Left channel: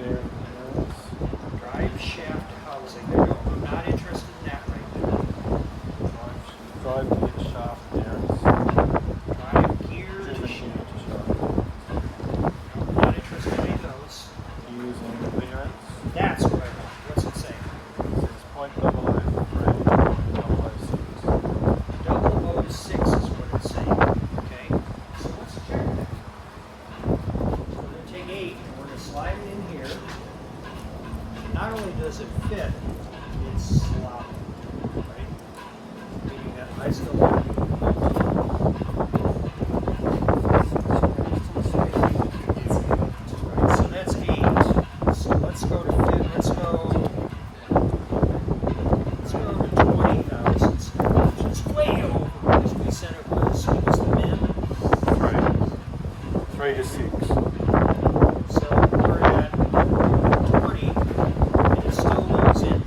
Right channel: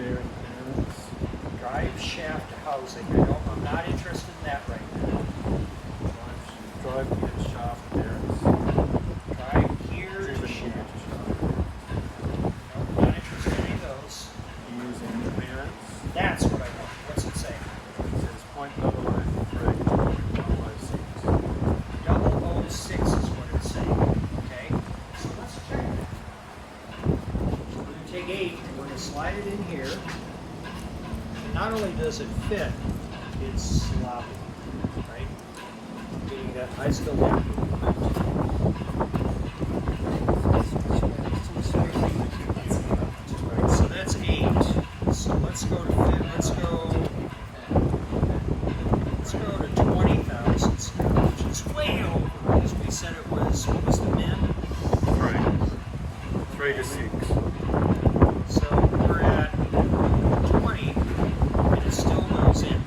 spare clearance. Drive shaft housing. I'm not interested in that right now. Drive gear shaft clearance. Drive gear to shaft. I'm not interested in any of those. Using clearance. That's what I want. What's it say? It says point double O 006 is what it's saying. Okay? So let's check it. We're going to take 8 and we're going to slide it in here. Not only does it fit, it's sloppy, right? Meaning that I still want to move it. Right, so that's 8. So let's go to fit. Let's go to 20,000, which is way over, because we said it was, what was the min? 3 to 6. So we're at 20, and it still loads in.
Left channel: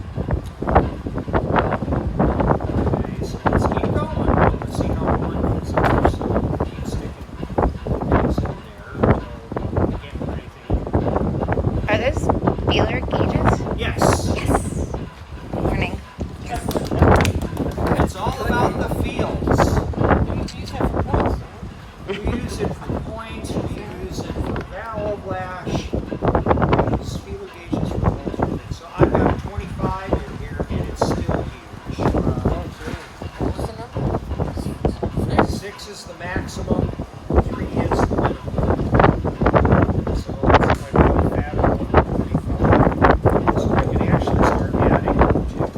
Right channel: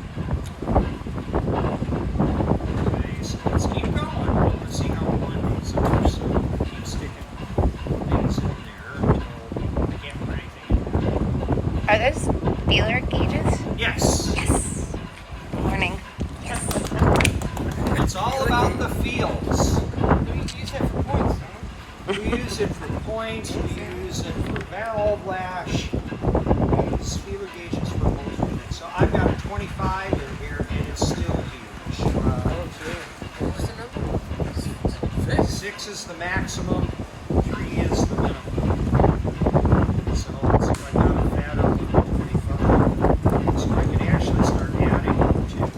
Okay, so let's keep going. Let's see how one goes over. So keep sticking things in there until I can't put anything in. Are those dealer gauges? Yes. Yes. Good morning. It's all about the fields. We use that for points, huh? We use it for points, we use it for valve lash, we use feeler gauges for most of it. So I've got a 25 in here and it's still huge. What's the number? 6 is the maximum, 3 is the minimum. So if I got a fatter one than 25, so I can actually start adding them too.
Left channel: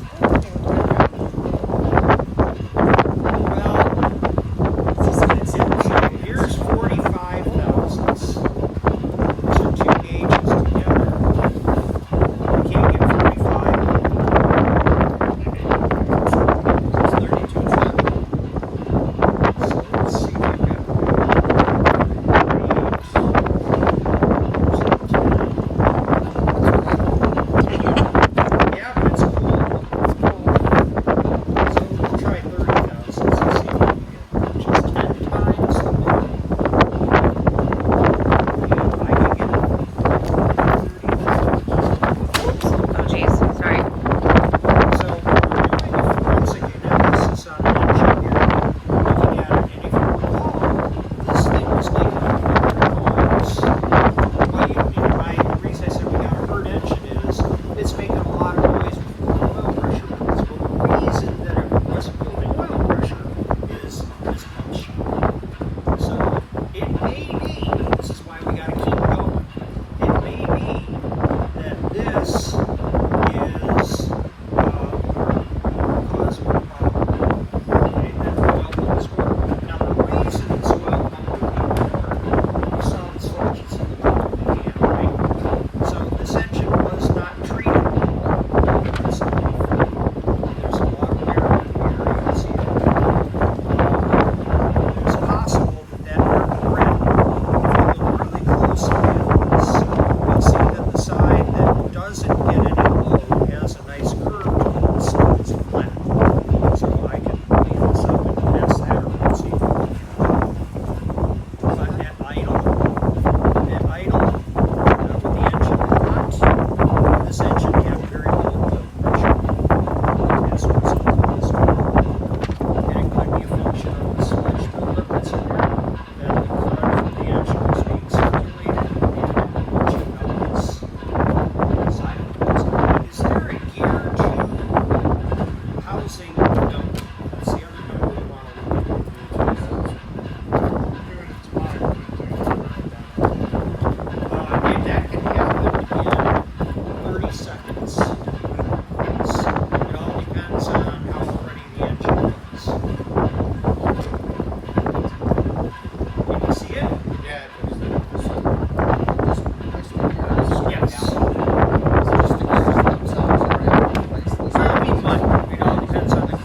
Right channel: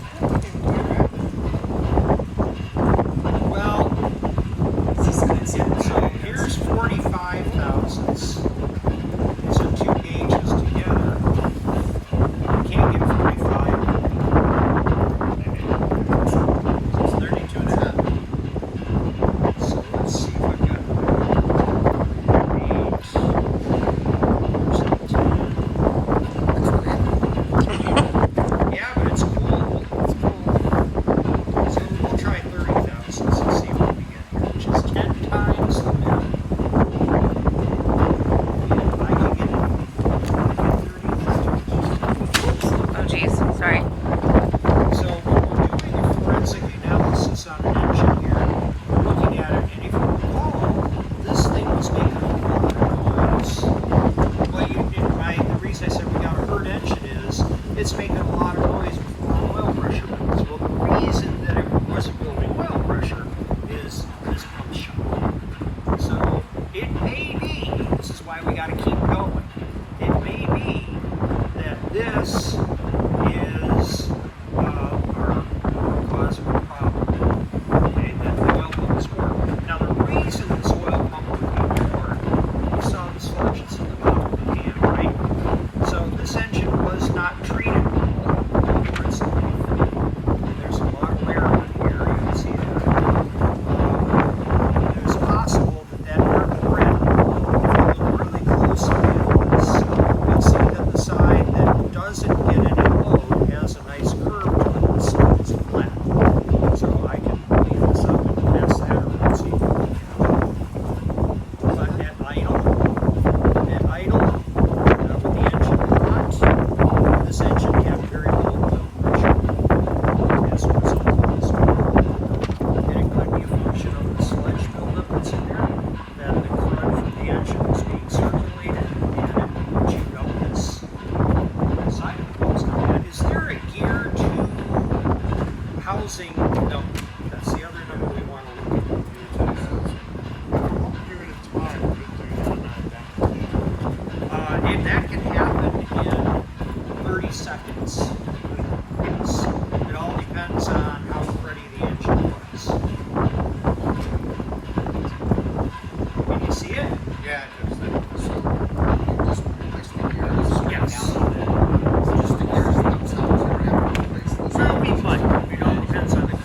So here's 45 thousandths. These are 2 gauges together. You can't get 45. It's 32 and a half. So let's see if I've got 8. Yeah, but it's cool. It's cool. So we'll try 30 thousandths and see what we get here, which is 10 times the minimum. I can get 30. Oh, geez. Sorry. So we're doing a forensic analysis on an engine here. We're looking at it, and if you recall, this thing was making a lot of noise. The reason I said we got a hurt engine is it's making a lot of noise with low oil pressure. Well, the reason that it wasn't building oil pressure is this pump shot. So it may be, this is why we got to keep going, it may be that this is cause of a problem. Okay, that the oil pump is working. Now the reason this oil pump would be working, you saw the sludges in the bottom of the can, right? So this engine was not treated well. There's a lot of wear on here, you can see that. It's possible that that dirt grit, if you look really closely at this, you'll see that the side that doesn't get any load has a nice curve to it, so it's flat. So I can leave this up and pass that around, see if you can. But at idle, with the engine hot, this engine had very low oil pressure as a result of this one. And it could be a function of the sludge buildup that's in there, that the current from the engine was being circulated and chewed up this side of the post. Is there a gear to housing? No, that's the other number we want to look at. And that can happen in 30 seconds. Yes. It all depends on how ready the engine is. Can you see it? Yeah, it was the Yes. Just the It's not be fun. It all depends on the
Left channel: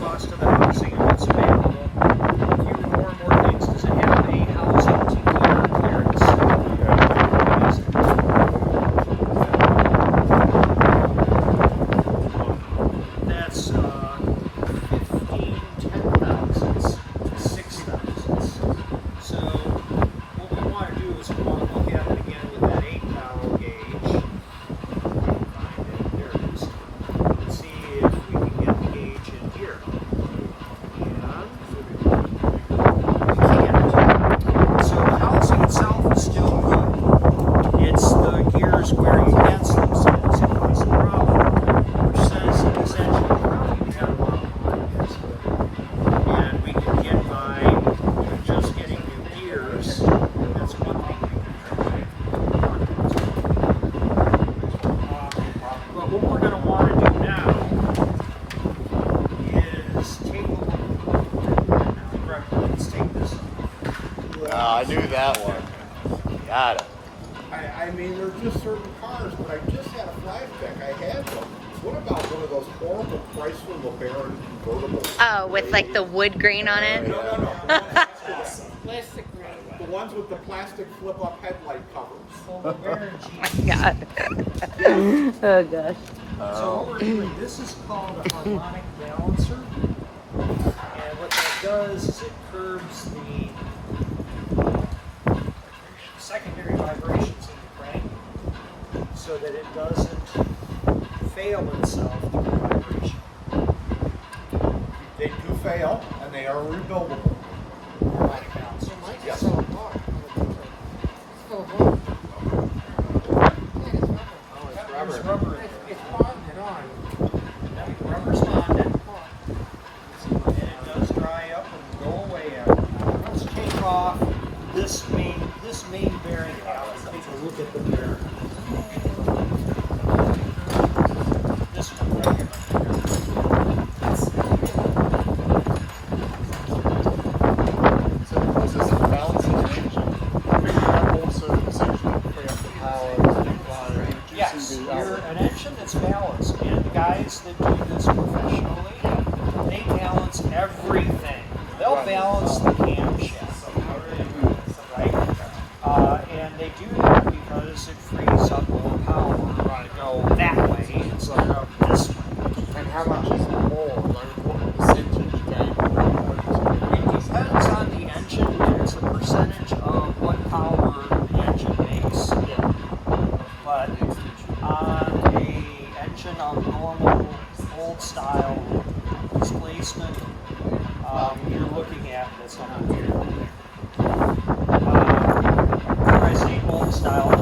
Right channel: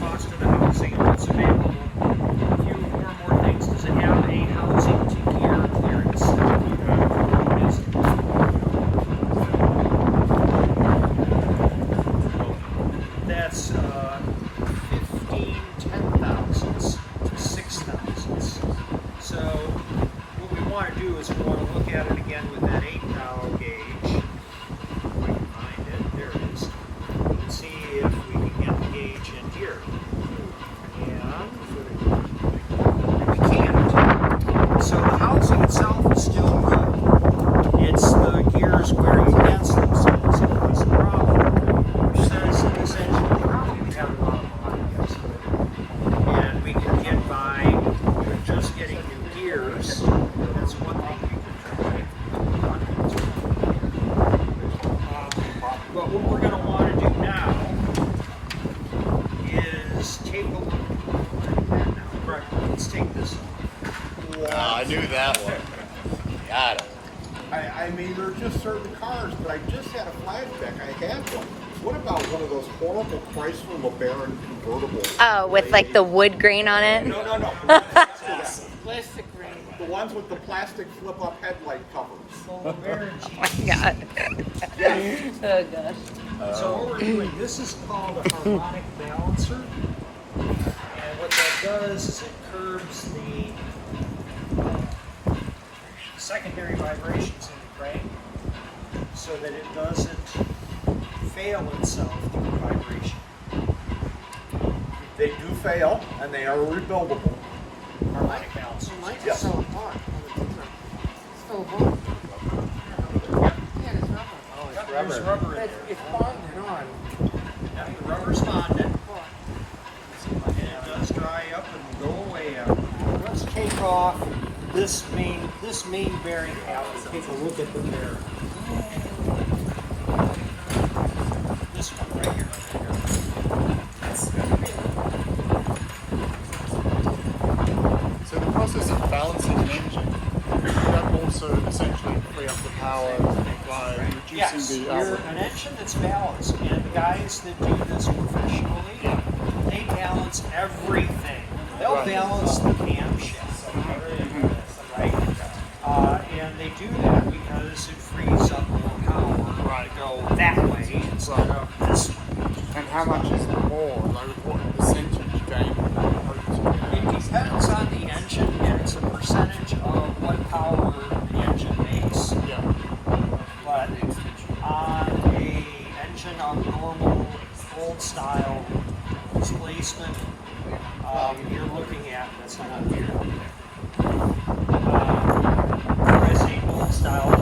cars, but I just had a flashback. I have one. What about one of those horrible Chrysler LeBaron convertibles? Oh, with like the wood grain on it? No. Plastic ring. The ones with the plastic flip-up headlight covers. Oh My God. Oh gosh. So what we're doing, this is called a harmonic balancer. And what that does is it curbs the secondary vibrations in the crank so that it doesn't fail itself through vibration. They do fail, and they are rebuildable. Harmonic balancer. Mine's Yes. still apart on the blueprint. It's still apart. Yeah, it's rubber. There's rubber in It's, there. it's bonded on. Yeah, the rubber's bonded. And it does dry up and go away. Let's take off this main bearing cap and take a look at the bearing. This one right here. So the process of balancing the engine, that also essentially free up the power by reducing Yes, the you're an engine that's balanced, and guys that do this professionally, they balance everything. They'll balance the camshaft, right? And they do that because it frees up more power to go that way instead of this way. And how much is that more? Like, what percentage gain? It depends on the engine, and it's a percentage of what power the engine makes. But on a engine of normal old style displacement, you're looking at this on a when I say old style,